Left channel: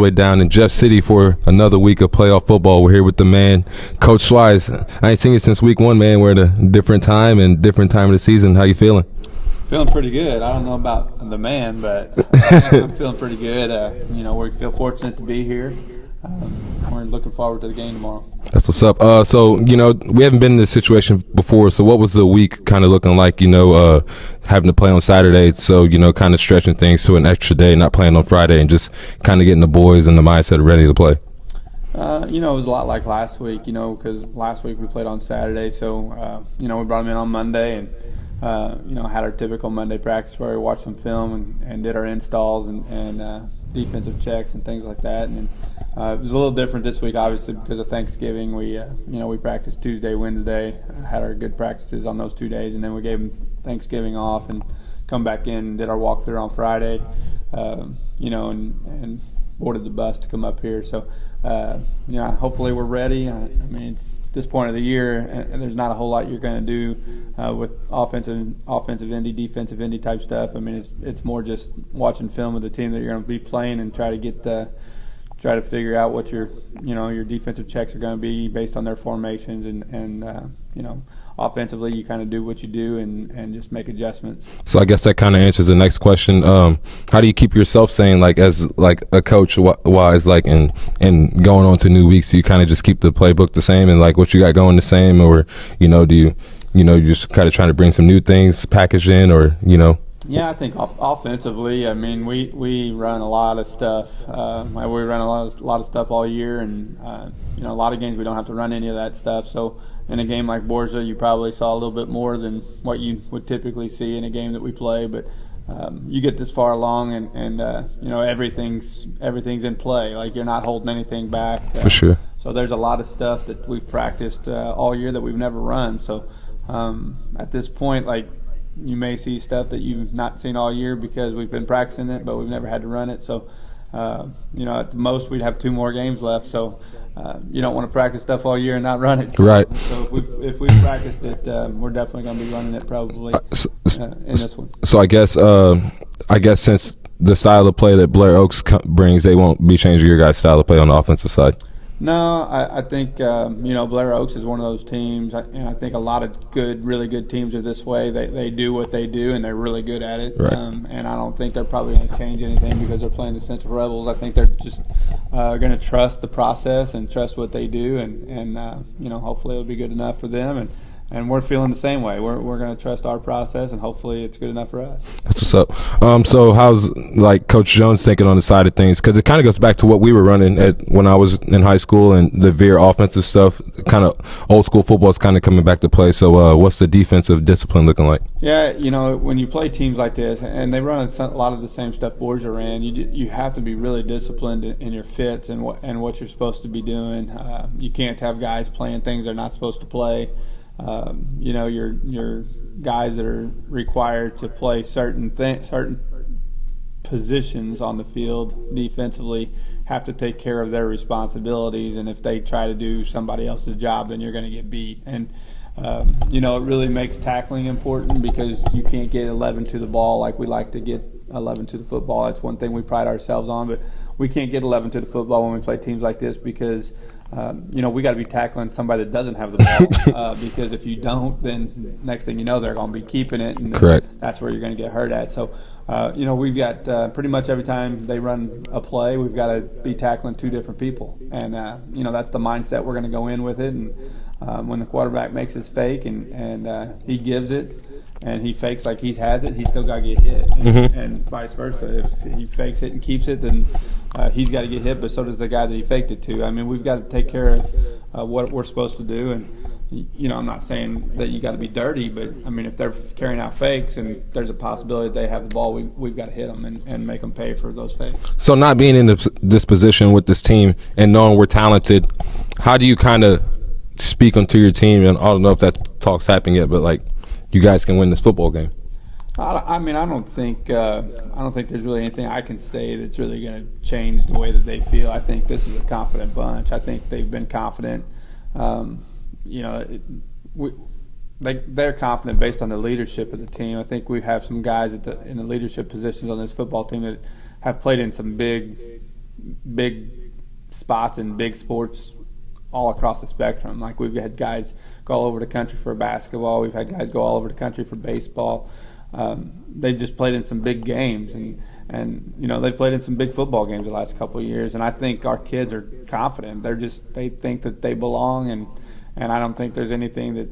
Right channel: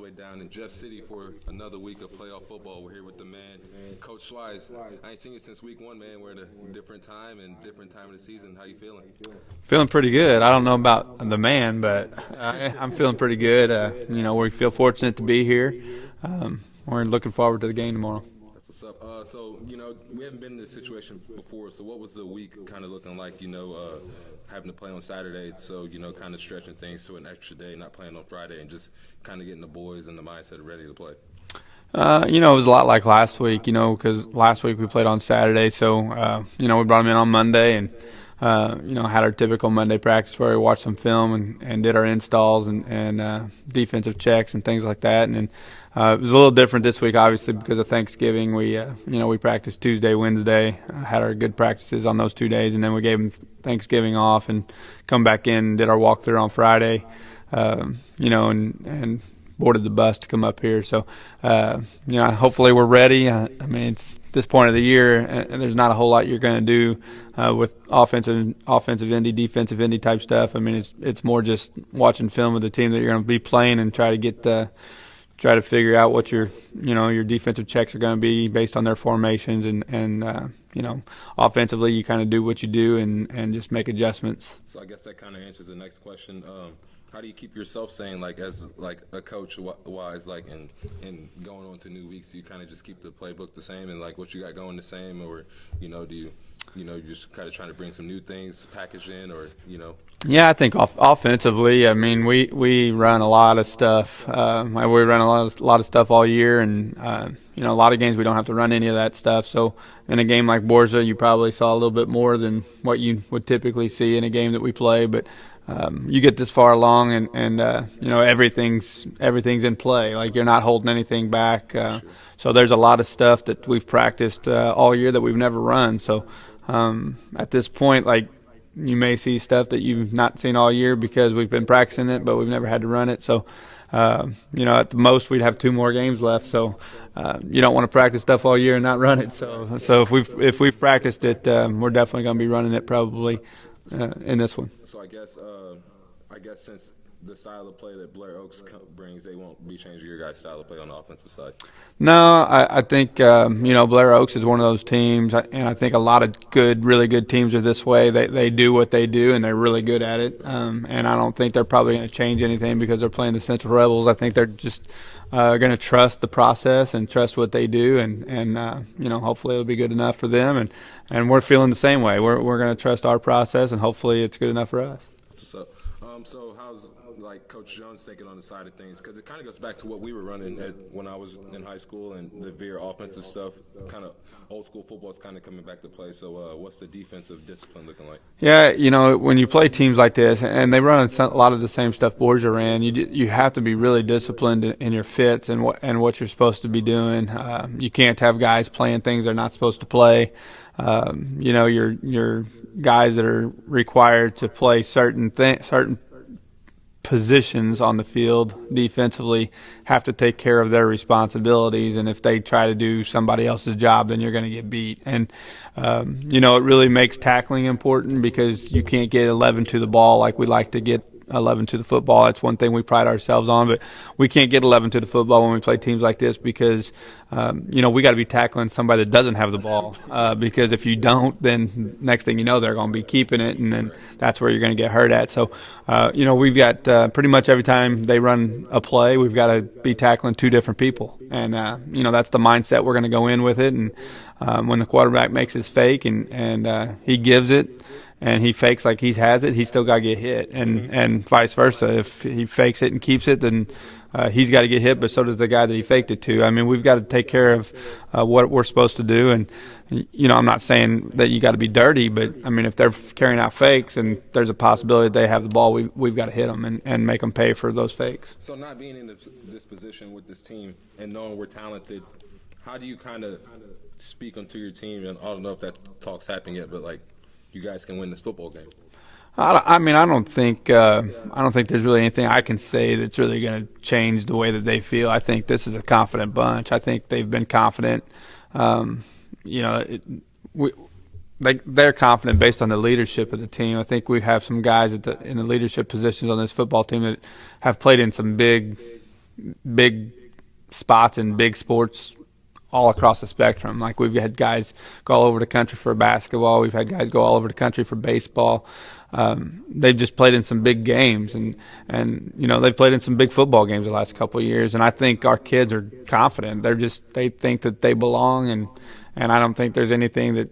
Way down in Jeff City for another week of playoff football. We're here with the man, Coach Schweiss. I ain't seen you since week one, man. We're at a different time and different time of the season. How you feeling? Feeling pretty good. I don't know about the man, but I'm feeling pretty good. We feel fortunate to be here. We're looking forward to the game tomorrow. That's what's up. So we haven't been in this situation before. So what was the week kind of looking like? Having to play on Saturday, so kind of stretching things to an extra day, not playing on Friday, and just kind of getting the boys in the mindset ready to play. It was a lot like last week. Because last week we played on Saturday, so we brought them in on Monday and had our typical Monday practice where we watched some film and did our installs and defensive checks and things like that. And it was a little different this week, obviously, because of Thanksgiving. We practiced Tuesday, Wednesday, had our good practices on those 2 days, and then we gave them Thanksgiving off and come back in and did our walkthrough on Friday, and boarded the bus to come up here. So, hopefully we're ready. It's this point of the year, and there's not a whole lot you're going to do with offensive end, defensive end type stuff. It's more just watching film of the team that you're going to be playing and try to figure out what your defensive checks are going to be based on their formations and offensively you kind of do what you do and just make adjustments. So I guess that kind of answers the next question. How do you keep yourself sane, as a coach wise, and going on to new weeks? Do you kind of just keep the playbook the same and what you got going the same, or do you you're just kind of trying to bring some new things packaged in, or Yeah, I think offensively, we run a lot of stuff. We run a lot of stuff all year, and a lot of games we don't have to run any of that stuff. So in a game like Borza, you probably saw a little bit more than what you would typically see in a game that we play. But you get this far along, and everything's in play. You're not holding anything back. For sure. So there's a lot of stuff that we've practiced all year that we've never run. So at this point, you may see stuff that you've not seen all year because we've been practicing it, but we've never had to run it. So, at the most we'd have 2 more games left. So, you don't want to practice stuff all year and not run it. So, right. So if we've practiced it, we're definitely going to be running it probably in this one. So I guess since the style of play that Blair Oaks brings, they won't be changing your guys' style of play on the offensive side. No, I think Blair Oaks is one of those teams, and I think a lot of really good teams are this way. They do what they do, and they're really good at it. Right. And I don't think they're probably going to change anything because they're playing the Central Rebels. I think they're just going to trust the process and trust what they do, and hopefully it'll be good enough for them. And we're feeling the same way. We're going to trust our process, and hopefully it's good enough for us. That's what's up. So how's Coach Jones thinking on the side of things? Because it kind of goes back to what we were running when I was in high school, and the veer offensive stuff. Kind of old school football is kind of coming back to play. So what's the defensive discipline looking like? Yeah, when you play teams like this, and they run a lot of the same stuff Borgia ran, you have to be really disciplined in your fits and what you're supposed to be doing. You can't have guys playing things they're not supposed to play. Your guys that are required to play certain positions on the field defensively have to take care of their responsibilities, and if they try to do somebody else's job, then you're going to get beat. And it really makes tackling important because you can't get 11 to the ball like we like to get 11 to the football. That's one thing we pride ourselves on, but we can't get 11 to the football when we play teams like this because we got to be tackling somebody that doesn't have the ball because if you don't, then next thing you know they're going to be keeping it, and Correct. That's where you're going to get hurt at. So we've got pretty much every time they run a play, we've got to be tackling 2 different people, and that's the mindset we're going to go in with it. And when the quarterback makes his fake and he gives it and he fakes like he has it, he's still got to get hit, and vice versa. If he fakes it and keeps it, then he's got to get hit, but so does the guy that he faked it to. We've got to take care of what we're supposed to do, and I'm not saying that you got to be dirty, but if they're carrying out fakes and there's a possibility that they have the ball, we've got to hit them and make them pay for those fakes. So not being in this position with this team and knowing we're talented, how do you kind of speak onto your team? And I don't know if that talk's happened yet, but you guys can win this football game. I don't think there's really anything I can say that's really going to change the way that they feel. I think this is a confident bunch. I think they've been confident. They're confident based on the leadership of the team. I think we have some guys in the leadership positions on this football team that have played in some big big spots in big sports all across the spectrum. Like we've had guys go all over the country for basketball. We've had guys go all over the country for baseball. They've just played in some big games, and they've played in some big football games the last couple of years. And I think our kids are confident. They think that they belong, and I don't think there's anything that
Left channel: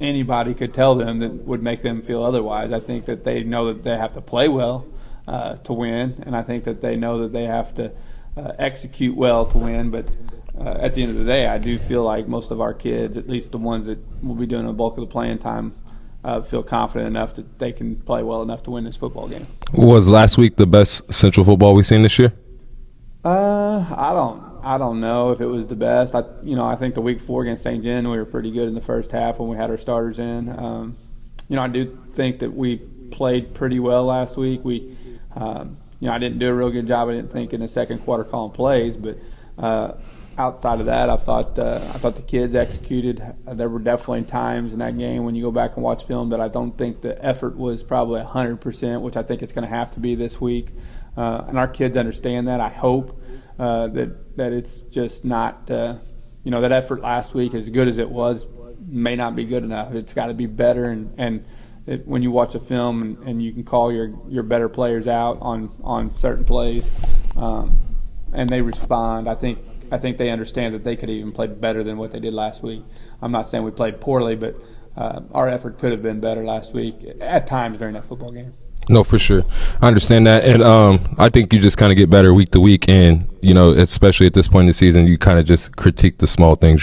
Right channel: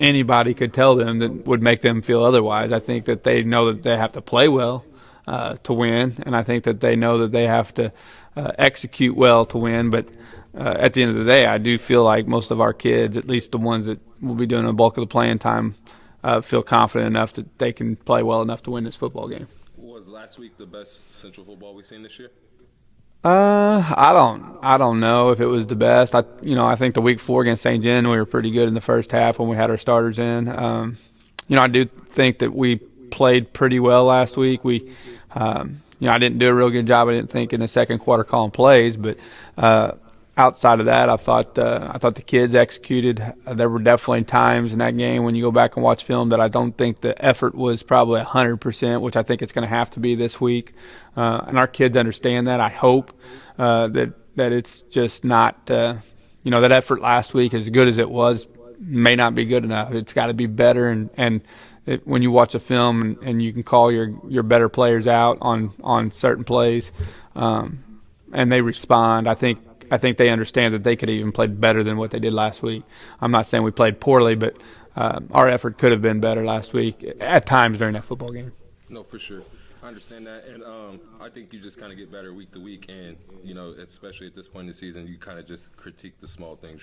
anybody could tell them that would make them feel otherwise. I think that they know that they have to play well to win, and I think that they know that they have to execute well to win. But at the end of the day, I do feel like most of our kids, at least the ones that will be doing a bulk of the playing time, feel confident enough that they can play well enough to win this football game. Was last week the best Central football we've seen this year? I don't know if it was the best. I think the week 4 against St. John, we were pretty good in the first half when we had our starters in. I do think that we played pretty well last week. I didn't do a real good job, I didn't think, in the second quarter calling plays, but outside of that, I thought the kids executed. There were definitely times in that game when you go back and watch film that I don't think the effort was probably 100%, which I think it's going to have to be this week. And our kids understand that. I hope that it's just not that effort last week, as good as it was, may not be good enough. It's got to be better. And when you watch a film and you can call your better players out on certain plays, and they respond, I think they understand that they could even play better than what they did last week. I'm not saying we played poorly, but our effort could have been better last week at times during that football game. No, for sure. I understand that. And I think you just kind of get better week to week. And, especially at this point in the season, you kind of just critique the small things,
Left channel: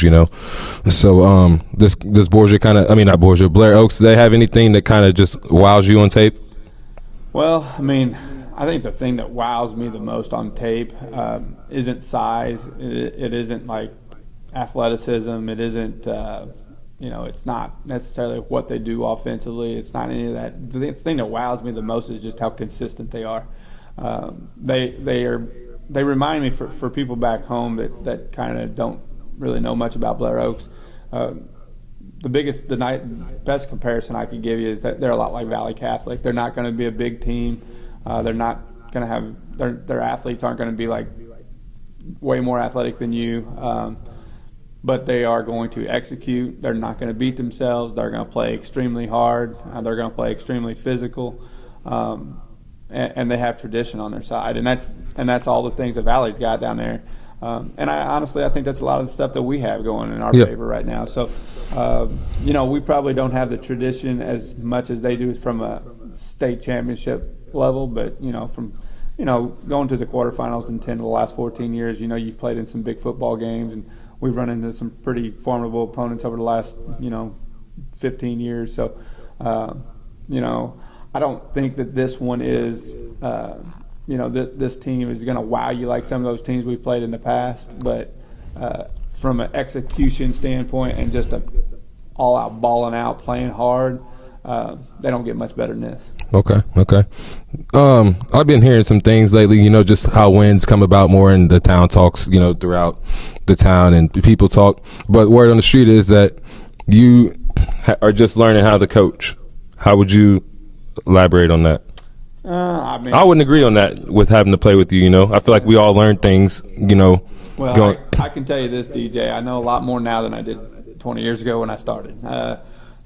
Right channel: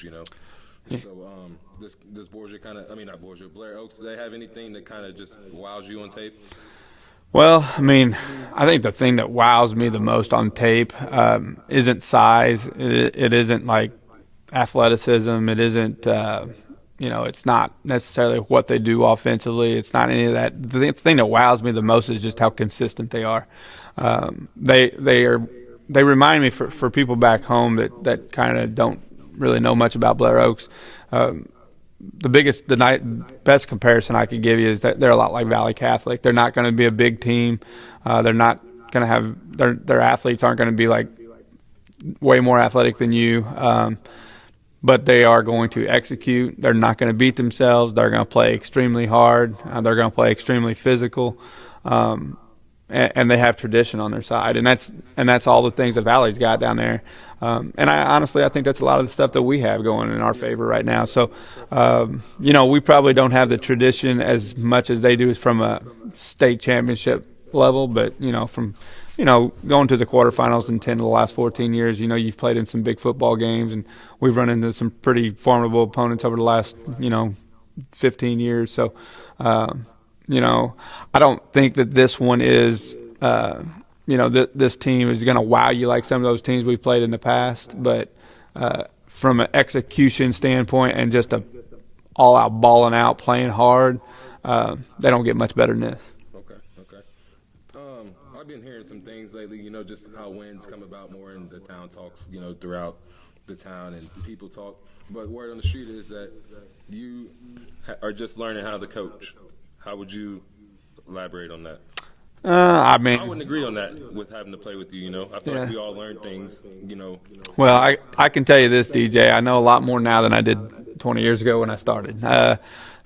So this Borgia, Blair Oaks, do they have anything that kind of just wows you on tape? Well, I think the thing that wows me the most on tape isn't size. It isn't like athleticism. It isn't, it's not necessarily what they do offensively. It's not any of that. The thing that wows me the most is just how consistent they are. They remind me for people back home that kind of don't really know much about Blair Oaks. The best comparison I can give you is that they're a lot like Valley Catholic. They're not going to be a big team. They're not going to have their athletes aren't going to be like way more athletic than you, but they are going to execute. They're not going to beat themselves. They're going to play extremely hard. They're going to play extremely physical, and they have tradition on their side. And that's all the things that Valley's got down there. And I think that's a lot of the stuff that we have going in our favor right now. So, we probably don't have the tradition as much as they do from a state championship level, but, from going to the quarterfinals in 10 of the last 14 years, you've played in some big football games, and we've run into some pretty formidable opponents over the last, 15 years. So, I don't think that this one is this team is going to wow you like some of those teams we've played in the past, but from an execution standpoint and just a all-out balling out, playing hard, they don't get much better than this. Okay. I've been hearing some things lately, just how wins come about more in the town talks, throughout the town and people talk. But word on the street is that you are just learning how to coach. How would you elaborate on that? I wouldn't agree on that with having to play with you, I feel like we all learn things, Well, I can tell you this, DJ. I know a lot more now than I did 20 years ago when I started.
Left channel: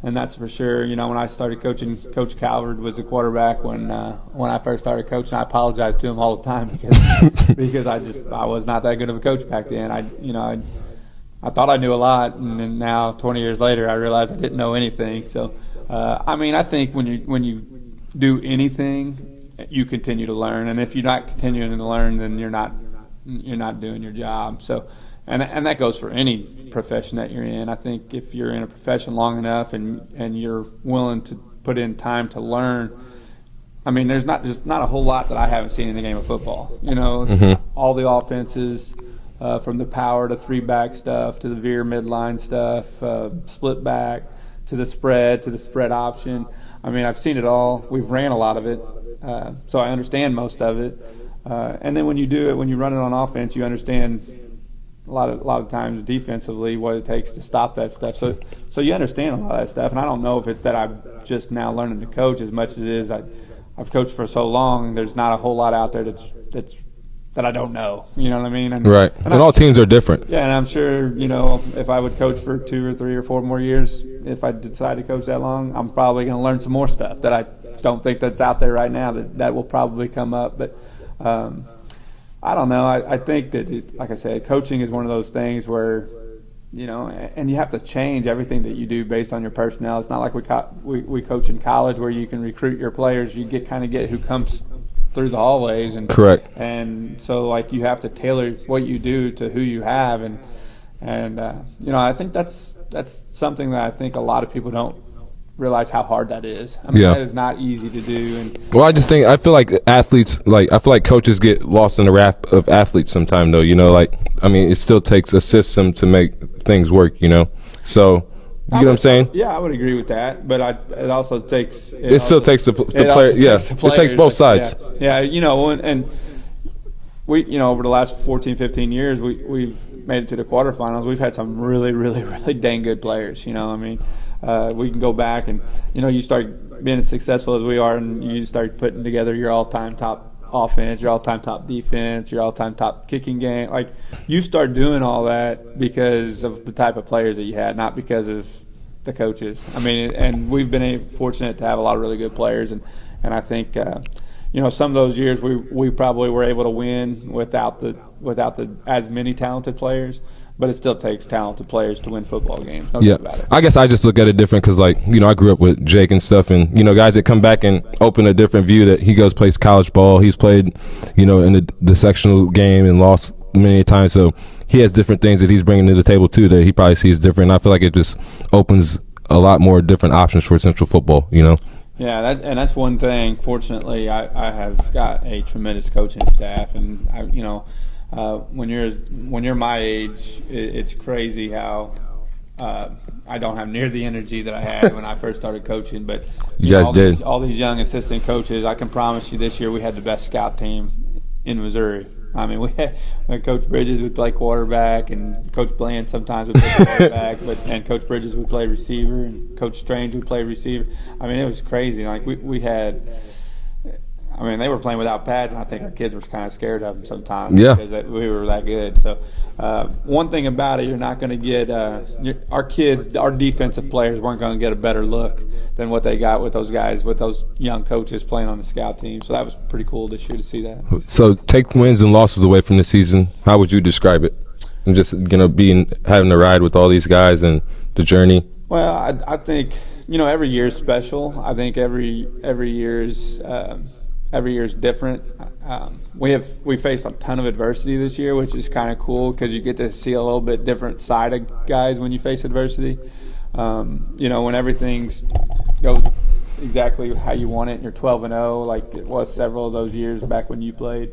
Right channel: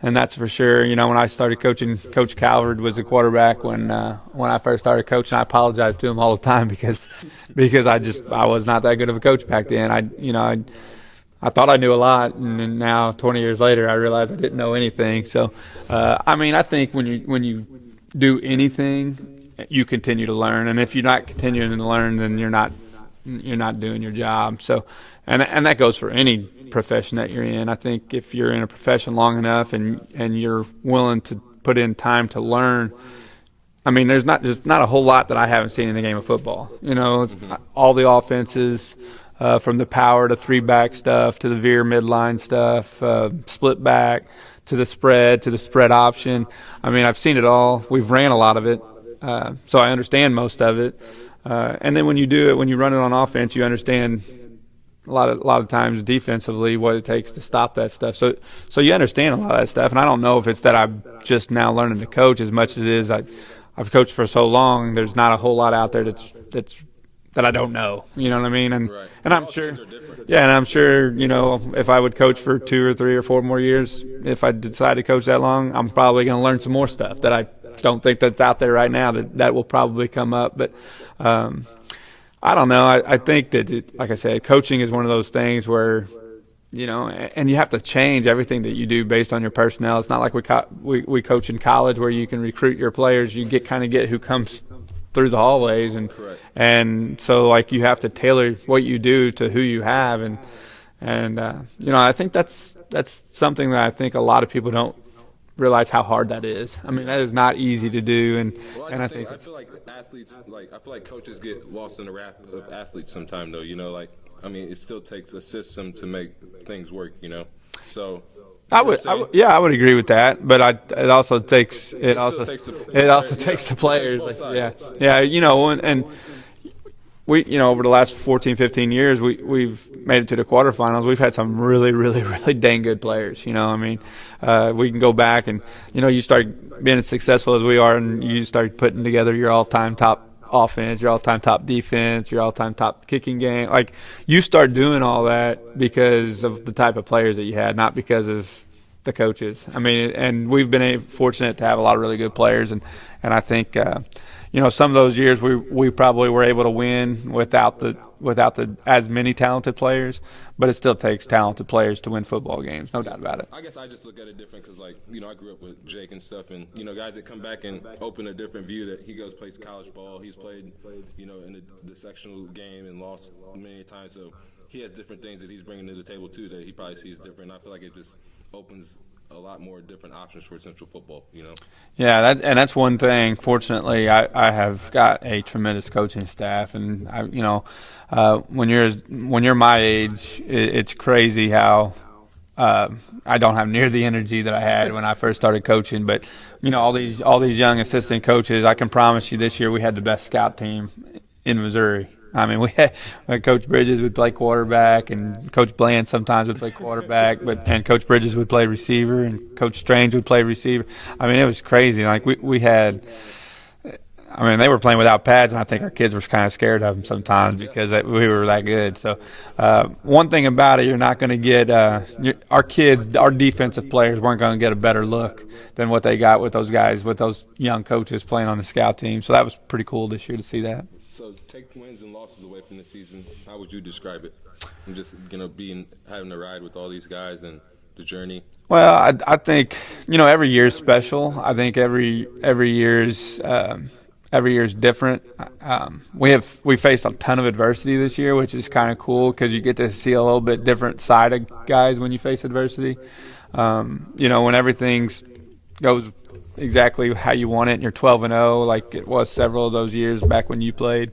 And that's for sure. When I started coaching, Coach Calvert was the quarterback when I first started coaching. I apologize to him all the time because I was not that good of a coach back then. I thought I knew a lot, and then now 20 years later, I realize I didn't know anything. So, I think when you do anything, you continue to learn, and if you're not continuing to learn, then you're not doing your job. So, and that goes for any profession that you're in. I think if you're in a profession long enough and you're willing to put in time to learn, there's not a whole lot that I haven't seen in the game of football. All the offenses, from the power to 3-back stuff to the veer midline stuff, split back, to the spread option. I've seen it all. We've ran a lot of it, so I understand most of it. And then when you do it, when you run it on offense, you understand a lot of times defensively what it takes to stop that stuff. So you understand a lot of that stuff. And I don't know if it's that I'm just now learning to coach as much as it is I've coached for so long. There's not a whole lot out there that's I don't know. You know what I mean? Right. And all teams are different. Yeah, and I'm sure, if I would coach for 2 or 3 or 4 more years, if I decide to coach that long, I'm probably going to learn some more stuff that I don't think that's out there right now that will probably come up. But I don't know. I think that, like I said, coaching is one of those things where, and you have to change everything that you do based on your personnel. It's not like we coach in college where you can recruit your players. You get who comes through the hallways, and correct. And so you have to tailor what you do to who you have, and I think that's something that I think a lot of people don't realize how hard that is. I mean, that is not easy to do. And I feel like athletes, I feel like coaches get lost in the raft of athletes sometimes, though. It still takes a system to make things work. So. You know what I'm saying? I would agree with that, but it also takes. It still takes the player. Yeah, it takes both sides. Yeah, and we, over the last 14, 15 years, we've made it to the quarterfinals. We've had some really, really, really dang good players. We can go back and you start being as successful as we are, and you start putting together your all-time top offense, your all-time top defense, your all-time top kicking game. You start doing all that because of the type of players that you had, not because of the coaches. I mean, and we've been fortunate to have a lot of really good players, and I think some of those years we probably were able to win without the as many talented players. But it still takes talented players to win football games. No doubt about it. I guess I just look at it different because, I grew up with Jake and stuff, and guys that come back and open a different view that he plays college ball. He's played, in the sectional game and lost many times. So he has different things that he's bringing to the table too that he probably sees different. I feel like it just opens a lot more different options for Central football. Yeah, that's one thing. Fortunately, I have got a tremendous coaching staff, and when you're my age, it's crazy how I don't have near the energy that I had when I first started coaching. But all these young assistant coaches, I can promise you this year we had the best scout team in Missouri. I mean, we had Coach Bridges would play quarterback, and Coach Bland sometimes would play quarterback, and Coach Bridges would play receiver, and Coach Strange would play receiver. I mean, it was crazy. We had – they were playing without pads, and I think our kids were kind of scared of them sometimes because we were that good. So one thing about it, you're not going to get our kids, our defensive players weren't going to get a better look than what they got with those guys, with those young coaches playing on the scout team. So that was pretty cool this year to see that. So take wins and losses away from the season. How would you describe it? And just having to ride with all these guys and the journey. Well, I think every year is special. I think every year is. Every year is different. We faced a ton of adversity this year, which is kind of cool because you get to see a little bit different side of guys when you face adversity. When everything goes exactly how you want it and you're 12-0, like it was several of those years back when you played.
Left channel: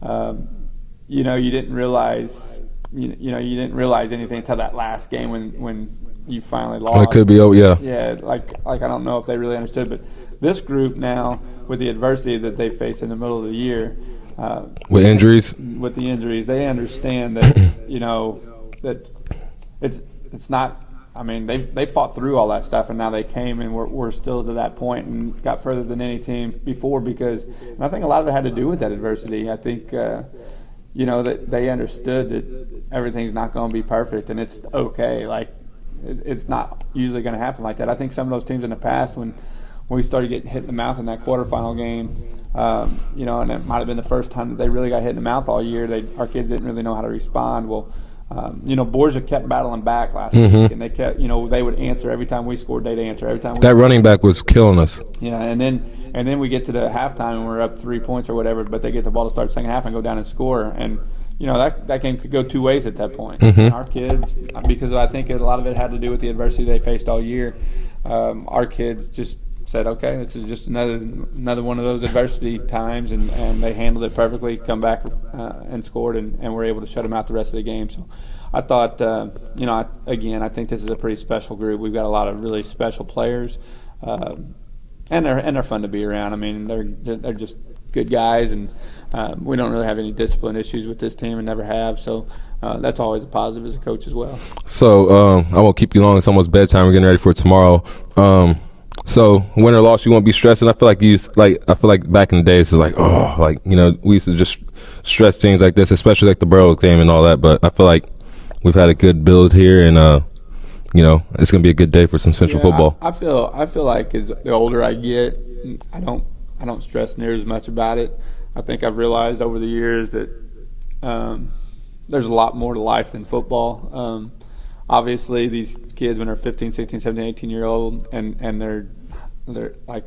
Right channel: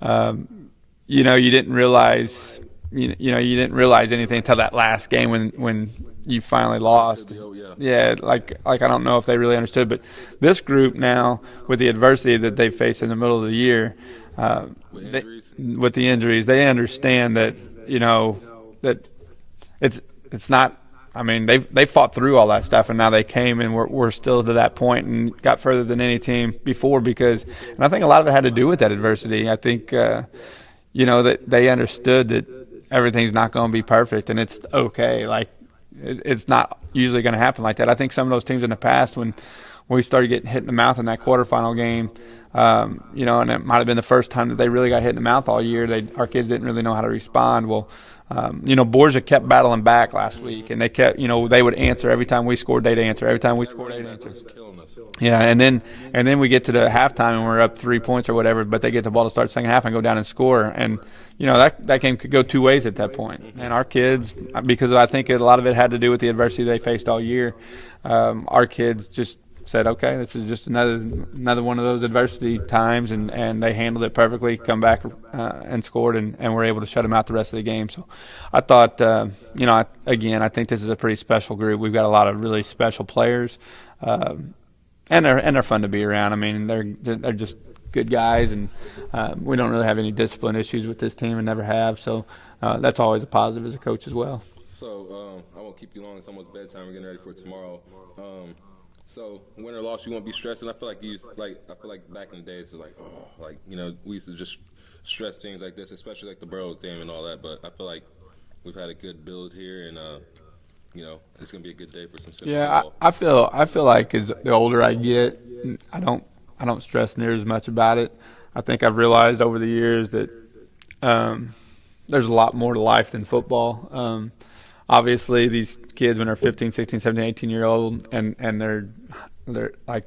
You didn't realize you didn't realize anything until that last game when you finally lost. It could be, Yeah, like I don't know if they really understood, but this group now, with the adversity that they face in the middle of the year, with the injuries, they understand that that it's not. I mean, they fought through all that stuff, and now they came and we're still to that point and got further than any team before and I think a lot of it had to do with that adversity. I think that they understood that everything's not going to be perfect and it's okay. It's not usually going to happen like that. I think some of those teams in the past, when we started getting hit in the mouth in that quarterfinal game, and it might have been the first time that they really got hit in the mouth all year. Our kids didn't really know how to respond. Well, Borgia kept battling back last week, and they kept, they would answer every time we scored. They'd answer every time. That running back was killing us. Yeah, and then we get to the halftime and we're up 3 points or whatever, but they get the ball to start second half and go down and score and. That game could go two ways at that point. Mm-hmm. And our kids, because I think a lot of it had to do with the adversity they faced all year, our kids just said, okay, this is just another one of those adversity times, and they handled it perfectly, come back and scored, and were able to shut them out the rest of the game. So I thought, I think this is a pretty special group. We've got a lot of really special players, and they're fun to be around. I mean, they're just good guys, and we don't really have any discipline issues with this team and never have. So that's always a positive as a coach as well. So I won't keep you long. It's almost bedtime. We're getting ready for tomorrow. So win or loss, you won't be stressing. I feel like back in the days, it's like, we used to just stress things like this, especially like the Blair Oaks game and all that. But I feel like we've had a good build here, and it's gonna be a good day for some Central football. I feel like as the older I get, I don't stress near as much about it. I think I've realized over the years that there's a lot more to life than football. Obviously, these kids when they're 15, 16, 17, 18-year-old, and they're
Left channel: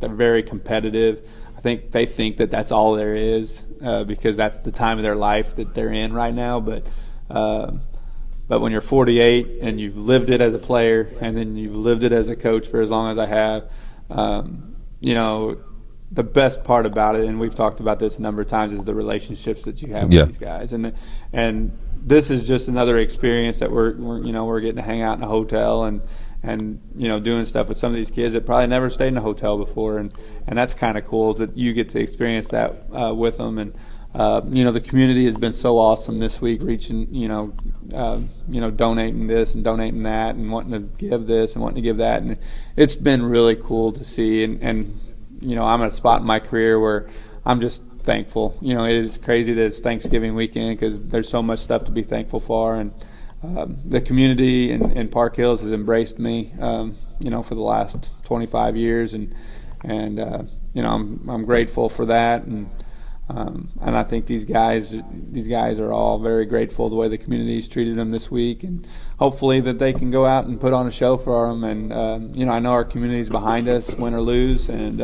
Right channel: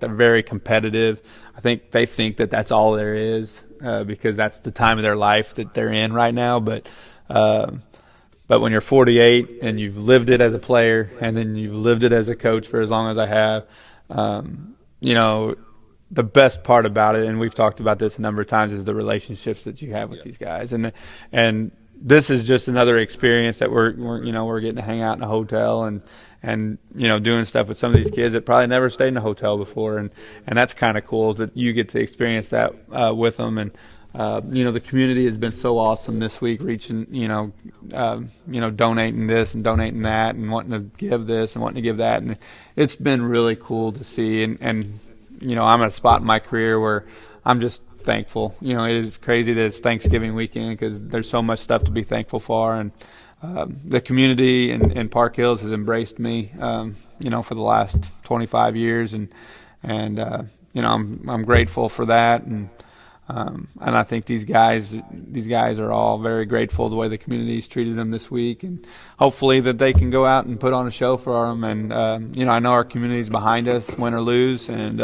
very competitive. I think they think that that's all there is because that's the time of their life that they're in right now. But when you're 48 and you've lived it as a player and then you've lived it as a coach for as long as I have, the best part about it, and we've talked about this a number of times, is the relationships that you have with these guys. And this is just another experience that we're getting to hang out in a hotel and doing stuff with some of these kids that probably never stayed in a hotel before, and that's kind of cool that you get to experience that with them. And the community has been so awesome this week, reaching donating this and donating that and wanting to give this and wanting to give that, and it's been really cool to see. And I'm at a spot in my career where I'm just thankful. It's crazy that it's Thanksgiving weekend because there's so much stuff to be thankful for, and the community in Park Hills has embraced me, for the last 25 years, and I'm grateful for that, and I think these guys are all very grateful the way the community's treated them this week, and hopefully that they can go out and put on a show for them. And I know our community's behind us, win or lose, and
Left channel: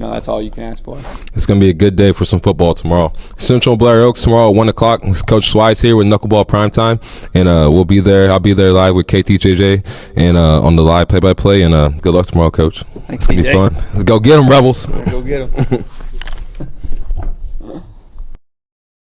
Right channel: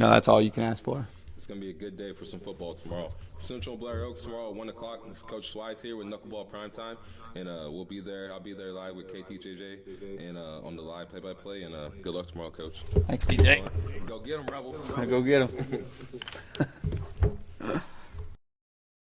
that's all you can ask for. It's going to be a good day for some football tomorrow. Central Blair Oaks tomorrow at 1 o'clock. It's Coach Schweiss here with Knuckleball Primetime, and we'll be there. I'll be there live with KTJJ and on the live play-by-play, and good luck tomorrow, Coach. Thanks, it's going to be fun. Let's go get them, Rebels. Go get them.